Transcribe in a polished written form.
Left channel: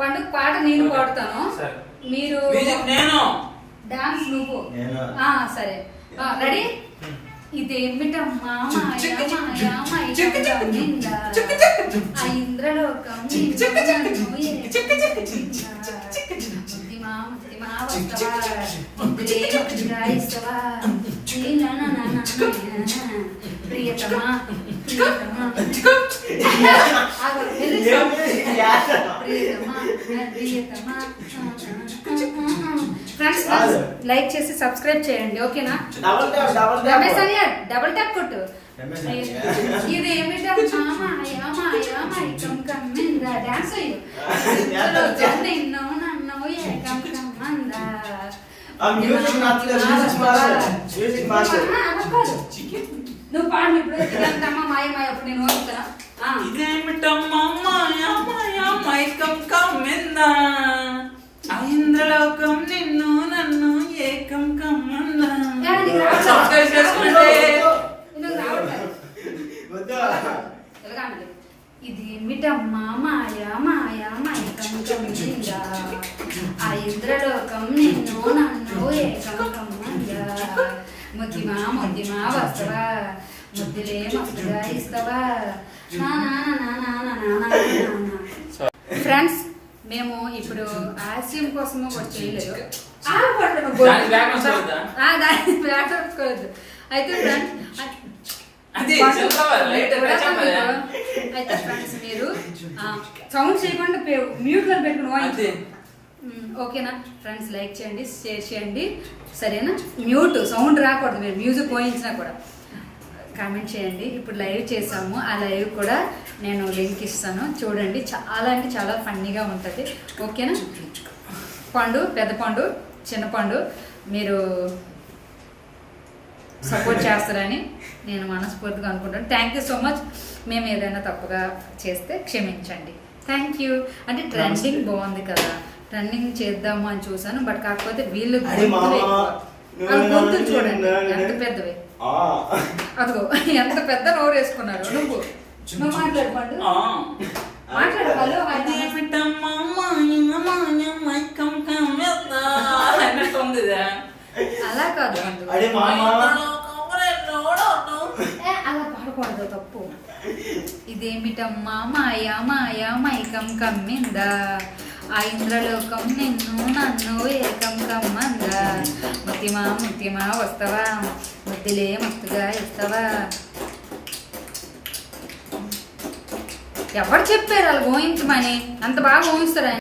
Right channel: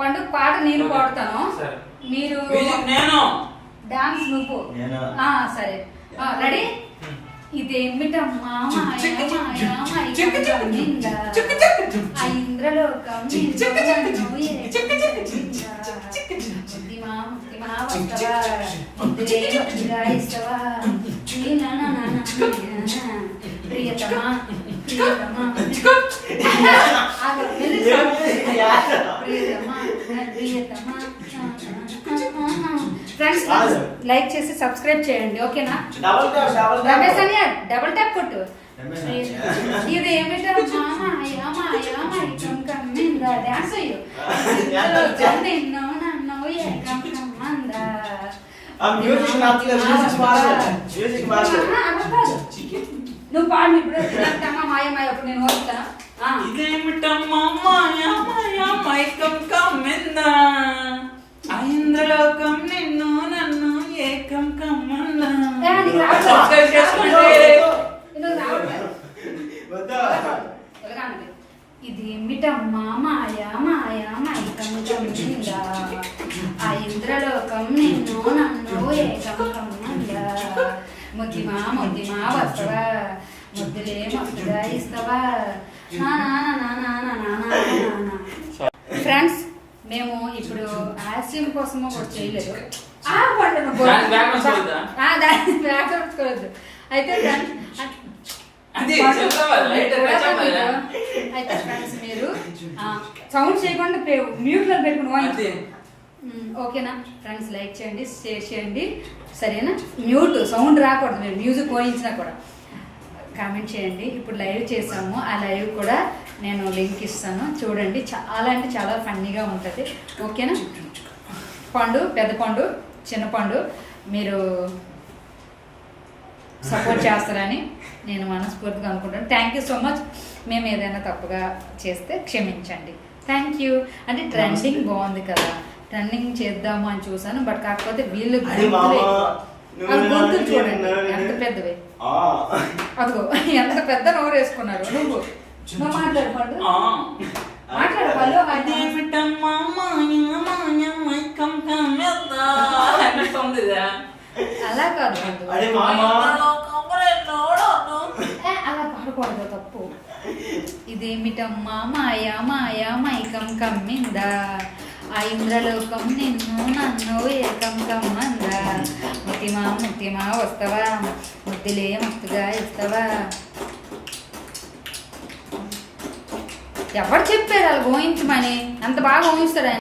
పండుగ పాట నేను పాడతాను, మీరు డాన్స్ నువ్వు. సరే రెడీ. ఇదేమిటమ్మా ఇంద్రలోకం ప్రియతమా ప్రియతమా ప్రియతమా. ఫ్రెండ్స్ లైక్ చేసి సబ్స్క్రైబ్ చేయండి, ఓకేనా? రమేష్ అనియా డబుల్ ట్యాప్ కొట్టు. ఇది ఏమిటమ్మా డాన్స్ అయ్యో నువ్వు పాడు ఇప్పుడు. ఇదంతమ్మా మాయ మాయ అప్పుడు నేను వస్తాను. ఇదేమిటమ్మా మాయ మాయ మైకం కమ్మిందా ఇంద్రలోకం నిన్ను నన్ను ఏకం కమ్మన్నా. ఇదేమిటమ్మా మాయ మాయ మైకం కమ్మిందా ఇంద్రలోకం నిన్ను నన్ను ఏకం కమ్మన్నా. ముద్దిమా ముద్దిమా వస్తావా ముద్దులే మస్తుగా ఇస్తావా. ఫ్రెండ్స్ మేము ఇప్పుడు ఆశయం కోసము కూడా చేయలేదు. దాని అయితే ఫ్రెండ్స్ మీరు సౌండ్ చేయకుండా మ్యూట్ లో పెట్టుకుని ఓకేనా? ఫ్రెండ్స్ లైక్ చేయండి, షేర్ చేయండి, సరేనా? మ్యూట్ సౌండ్ రాకూడదు, మేము మ్యూజిక్ పోయించినా కూడా. కామెంట్ చేయండి. ఇప్పుడు లైవ్ చేసాము, ఆ లైవ్ కూడా నేను లింక్ ఇస్తాను, చూడండి. చాలా అంటే చాలా ఫన్నీగా ఉంటుంది, ఓకేనా? పండు, పెద్ద పండు, చిన్న పండు మీరు సపోర్ట్ చేస్తారని నేను మనస్ఫూర్తిగా అనుకుంటాను. Thank you so much. మేము ఏదైనా తప్పుగా చేస్తే క్షమించండి. Thank you. అంటే ట్రెండింగ్ బాగుంది కదా, ట్రెండింగ్ చేద్దాము అని చూసాను, బట్ కాకపోతే వీళ్ళు గొంతులు చూడండి ఎంత పెద్దవి. అదిగో ఎంత పెద్ద నోరు వేసుకున్నారు. నువ్వు మాట్లాడు పండు, మాట్లాడు పళ్ళు. అలా కాదు, అలా పాడకూడదు, తప్పు. ఇదేమిటమ్మా మాయా మాయా మైకం కమ్మిందా ఇంద్రలోకం నిన్ను నన్ను ఏకం కమ్మందా. ముత్తిమా ముత్తిమా వస్తావా ముద్దులే మస్తుగా ఇస్తావా. ఎవరు చెప్పారు అలా ఊహించమని? అంత బాగా ఊహిస్తారు ఆయన.